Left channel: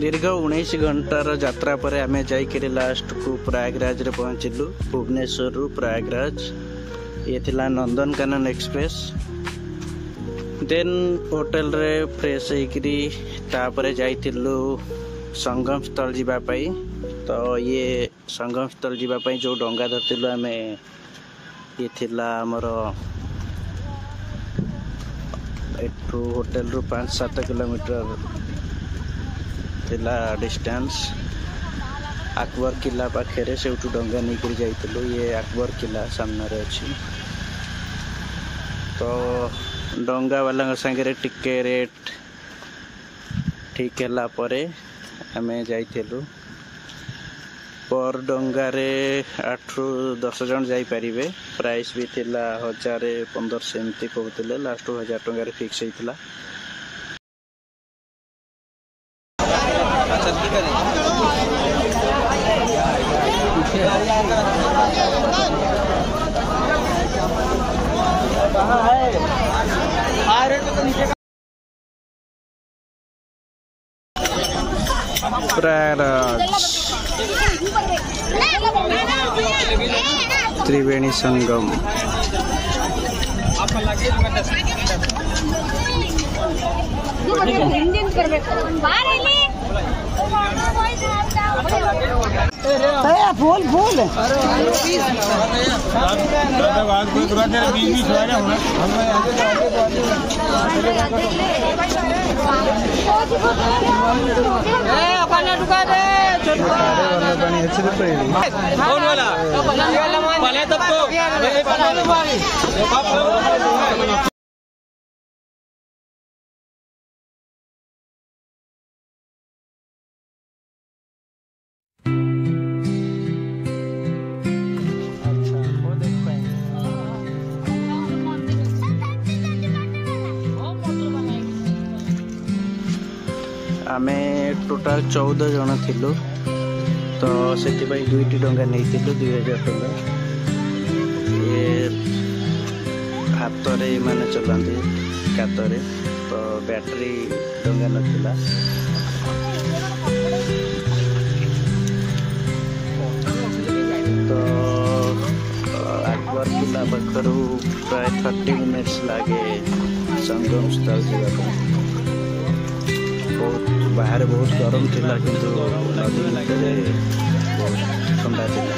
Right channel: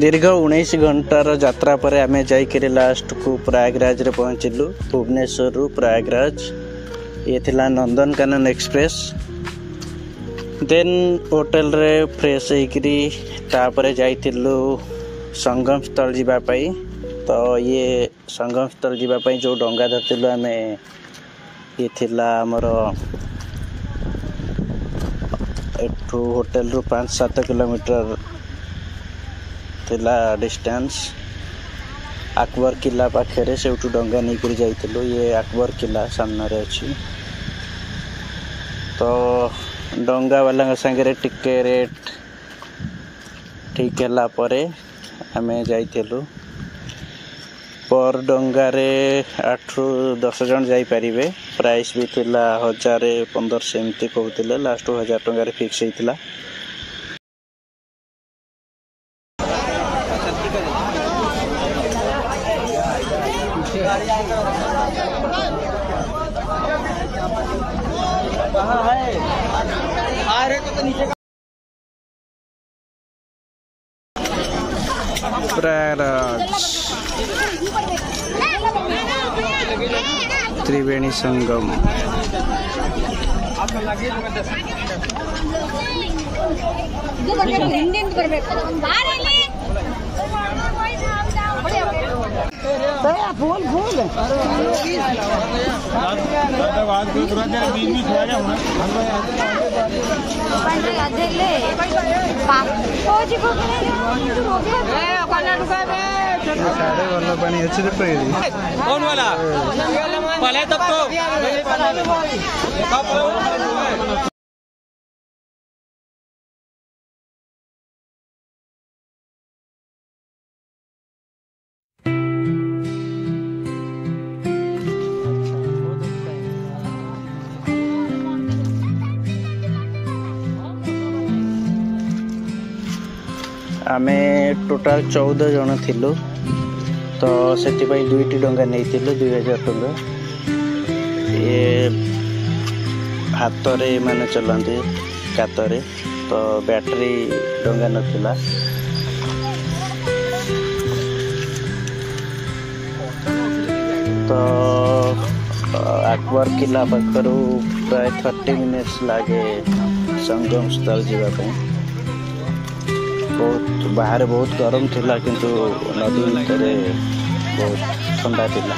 दीर्घ 19 घंटार यात्रा पर आम जाकर लास्ट को प्रयागराज रे पहुँचलु। भुवनेश्वर रु प्रयागराज ये थिला नंदनकानन एक्सप्रेस। देन होटल रे फ्रेश होकरी तापर जाइथिलु संगम स्थल जीवापाई। तो ये संगम स्थल जीवापाई जो डंगा धरथिलु आमे ये थिला हमर एठू होटल रु 5-7 किलोमीटर थिला डिस्टेंस। अकबर किला पाखे से डंगा नहीं कर जाइथिलु। ये अकबर किला सामने रे अछि। तो डंगा वाला संगे टिके रेट ठीक है परे आमे जाइथिलु। पर डंगा रे 8 ରୁ 10 जन जाई परिबे। प्राइस भी थिला 1000-1500 एमती कहउतिले। लास्ट 1000 टंगा रे फिक्स हेतिला। प्रयागराज त्रिवेणी संगम। वाला पानी अच्छे से आमे टोटाल 14 जन थिलु। तो से दुईटी डंगा नहीं 2000 टंका। ये हाथ रे माने चलाते कातरे। तो बैटरी डंगा नथिला। तो अकबर किला पाखरु प्राय 30 मिनिट्स लागे संगम स्थल जीवा। बहुत बाहर बहुत गरम थिला किंतु नदी भीतर बहुत ठंडा थिला।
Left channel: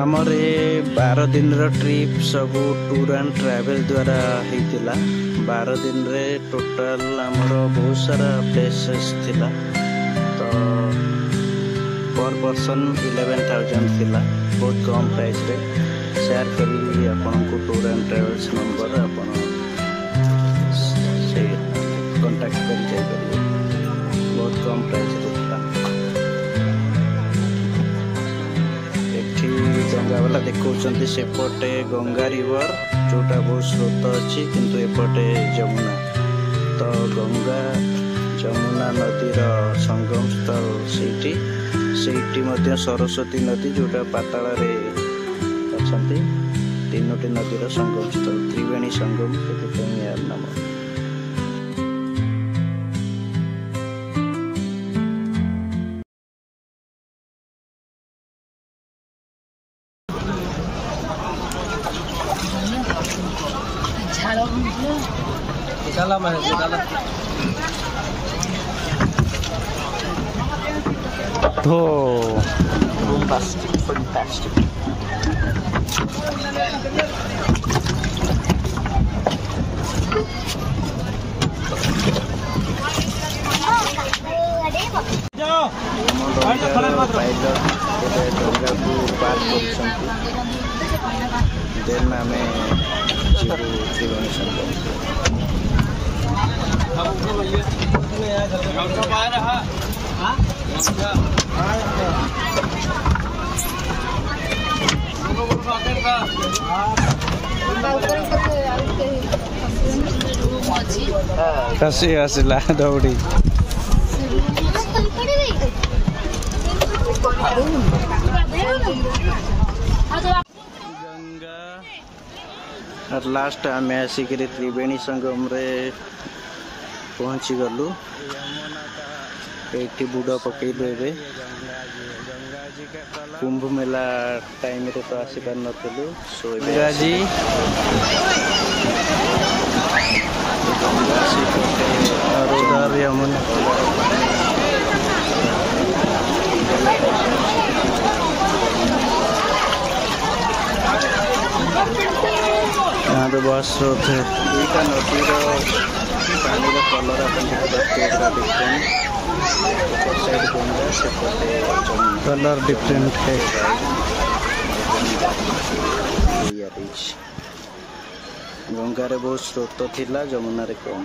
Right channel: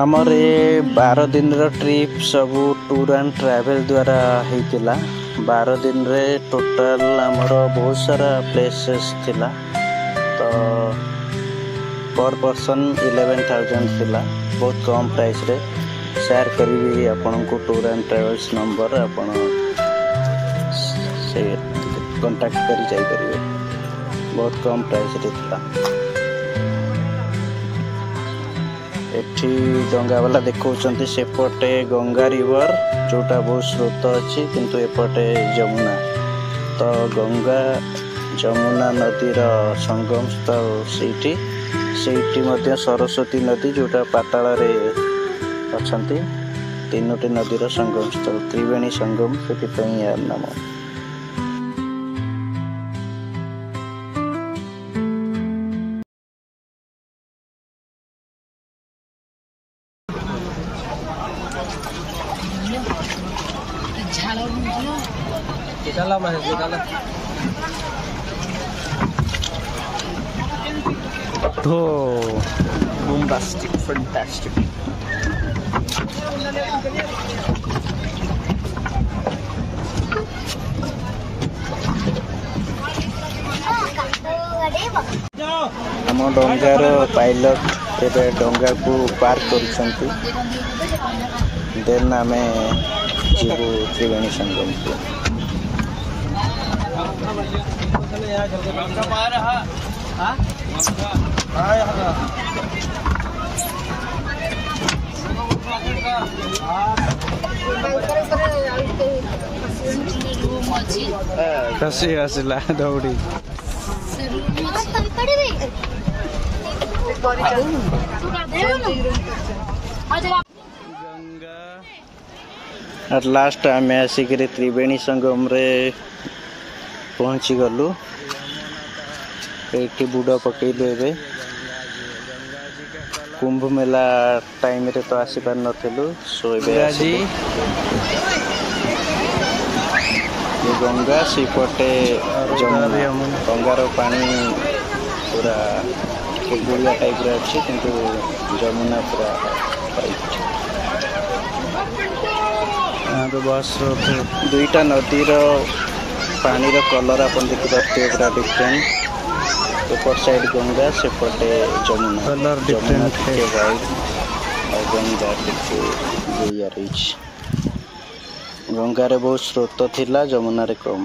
आमर ये 12 दिन रो ट्रिप सब टूर एंड ट्रैवल द्वारा हेतिला। 12 दिन रे टोटल आमर बहुत सारा प्लेसेस थिला। तो पर पर्सन 11,000 थिला। बहुत कम प्राइस रे शेयर करी आपन को टूर एंड ट्रैवल्स नंबर आपन से कांटेक्ट करी जाई परिबे। बहुत कम प्राइस रे थिला। एठी डंगा वाला देखौचंती सेपटे गंगा रिवर जोटा बहुत स्रोत अच्छी किंतु एपटे जमुना। तो गंगा जमुना नदी रो संगम स्थल सेठी मध्य सरस्वती नदी जोटा पाताल रे अछंती। तीनोटी नदी रो संगम स्थल त्रिवेणी संगम से यार नाम। तो bombastic, fantastic. हम डंगार पायलट एबे डंगा को पार करछंती। देन आमे जीवु त्रिवेणी संगम को। हां खसी आसला दौड़ी गंगा और लास्ट आम आसिक त्रिवेणी संगम रे पहुँची गलु ये बुड़ पकेलु ए कुंभ मेला टाइम रे तो आसी पार नथिलु सो जी गंगा सेपटे गंगार पानी पूरा बुलिया टाइप अच्छी कि जमुना पूरा यहाँ पे बस थे दुईटा नदीर पानी कलर आप देखिए पूरा डिफरेंट ऊपर साइड गंगा सेपटे जमुना कलर डिफरेंट है वाइट गंगा गंगारे बहुत स्रोत थिला जमुना रे कम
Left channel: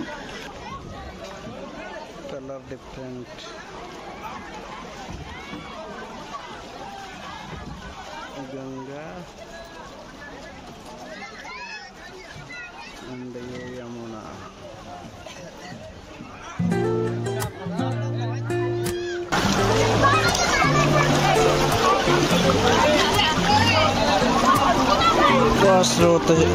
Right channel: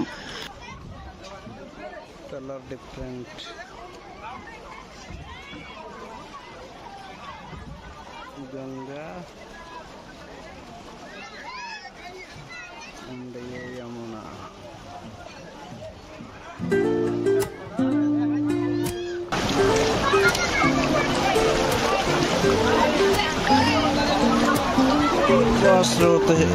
कलर डिफरेंट गंगा एंड ये यमुना बहुत स्रोत है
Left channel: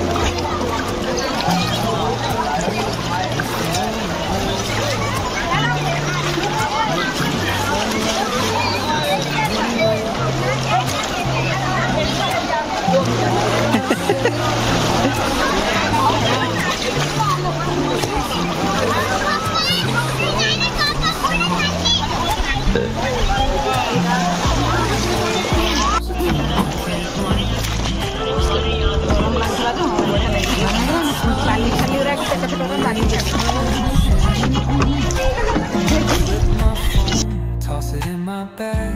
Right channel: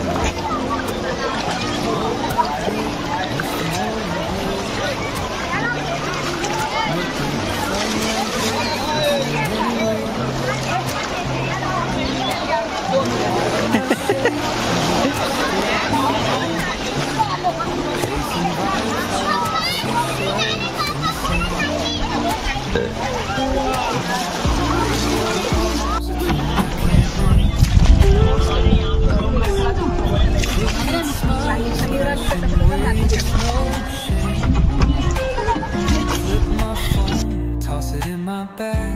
Toss it in my bag.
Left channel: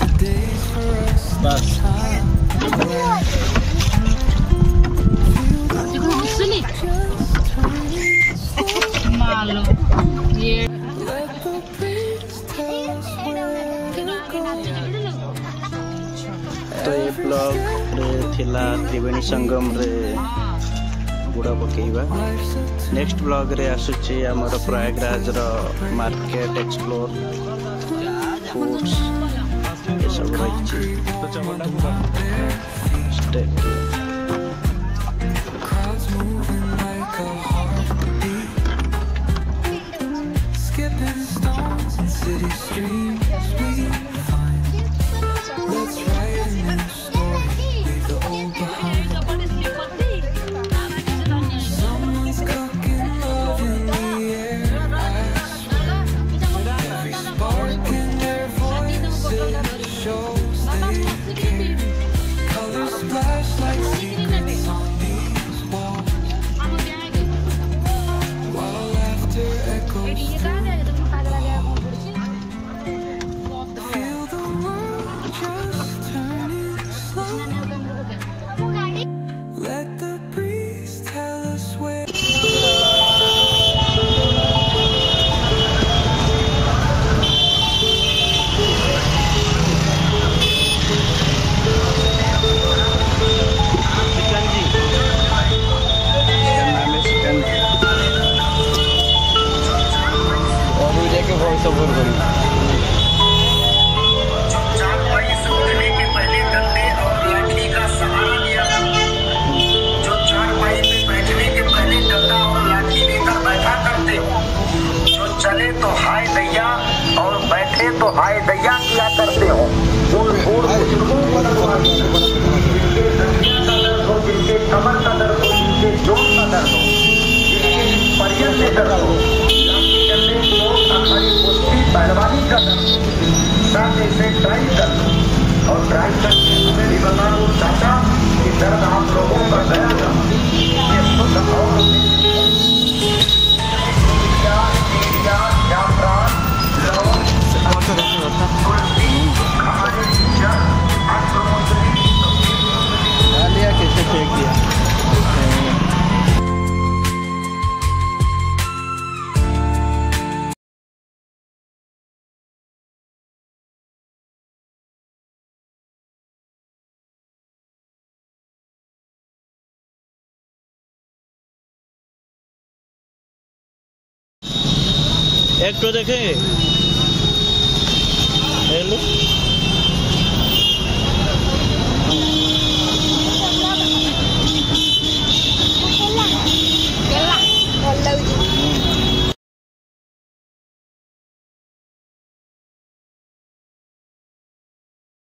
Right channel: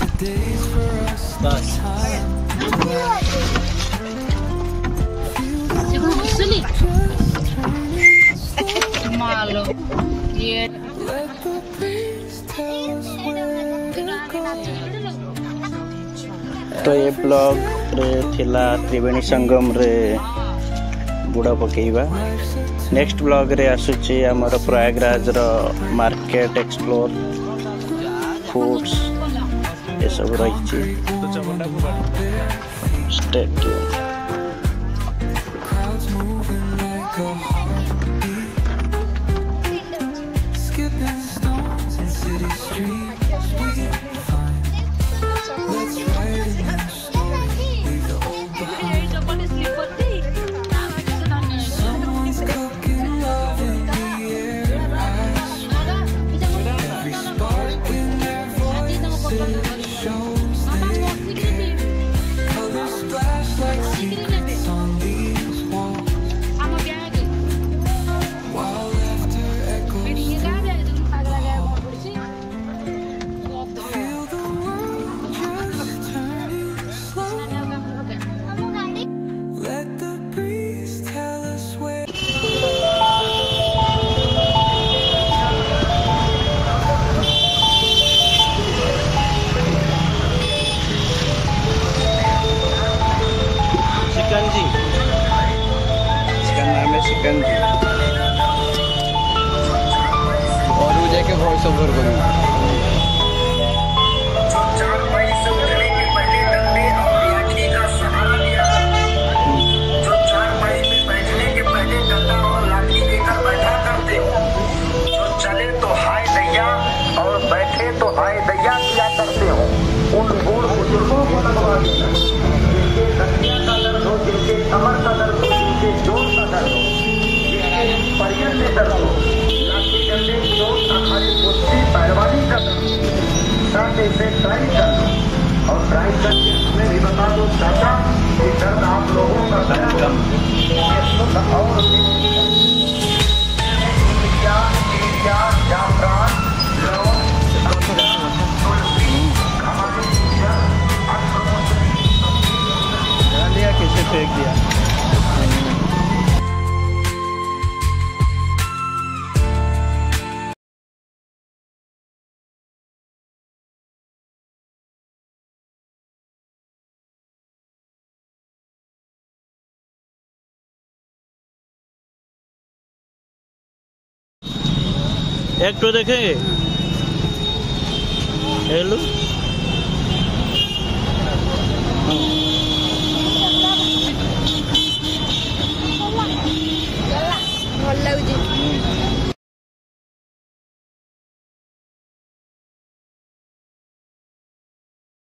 Today's for us, no time to lag. Feel the world just turning slow. Let the breeze tell us where to go. तो ये ब्लॉग रे थिला त्रिवेणी संगम रे बुड़ा पकेइबा नेक्स्ट ब्लॉग रे आसुची हमर प्रयागराज रो मार्केट एक्सप्लोर फूड्स ये सब रही stay tune Crowds moving like a heartbeat, skipping stones in city streets we find. Let's write a new story, leave the old behind. Someone's cooking love in the air, I swear. Every spark in their voices shows they care. Colors splash like secrets on these walls, while laughter echoes through the halls. Feel the world just turning slow. Let the breeze tell us where. Shikanji इसका नाम है सिकंजी और वो जाके voice over करूँ 4 मई से उठने के पहले डंडे और लाठी का सहारा लिया जो 4 मई में बैठने के पहले डंडा और लाठी लेकर बैठा करते हो जो चले तो हाय दैया और बैठे तो हाय दैया किया करते हो उन बूढ़ बुजुर्गों को जिनके धनिया का दर्द हो जिनके कमर का दर्द हो जिनके जोड़ का दर्द हो जिनके परिजन में दर्द हो लाठी करने की हमारी कुश्ती पहलवानी का दर्द साथ इसे ट्राई कर और ट्राई करके हमें भी बता दो चाचा कि दर्द आप लोगों का दर्द ये सुख और कैसे फेंक दिया एक तो देखेंगे हेलो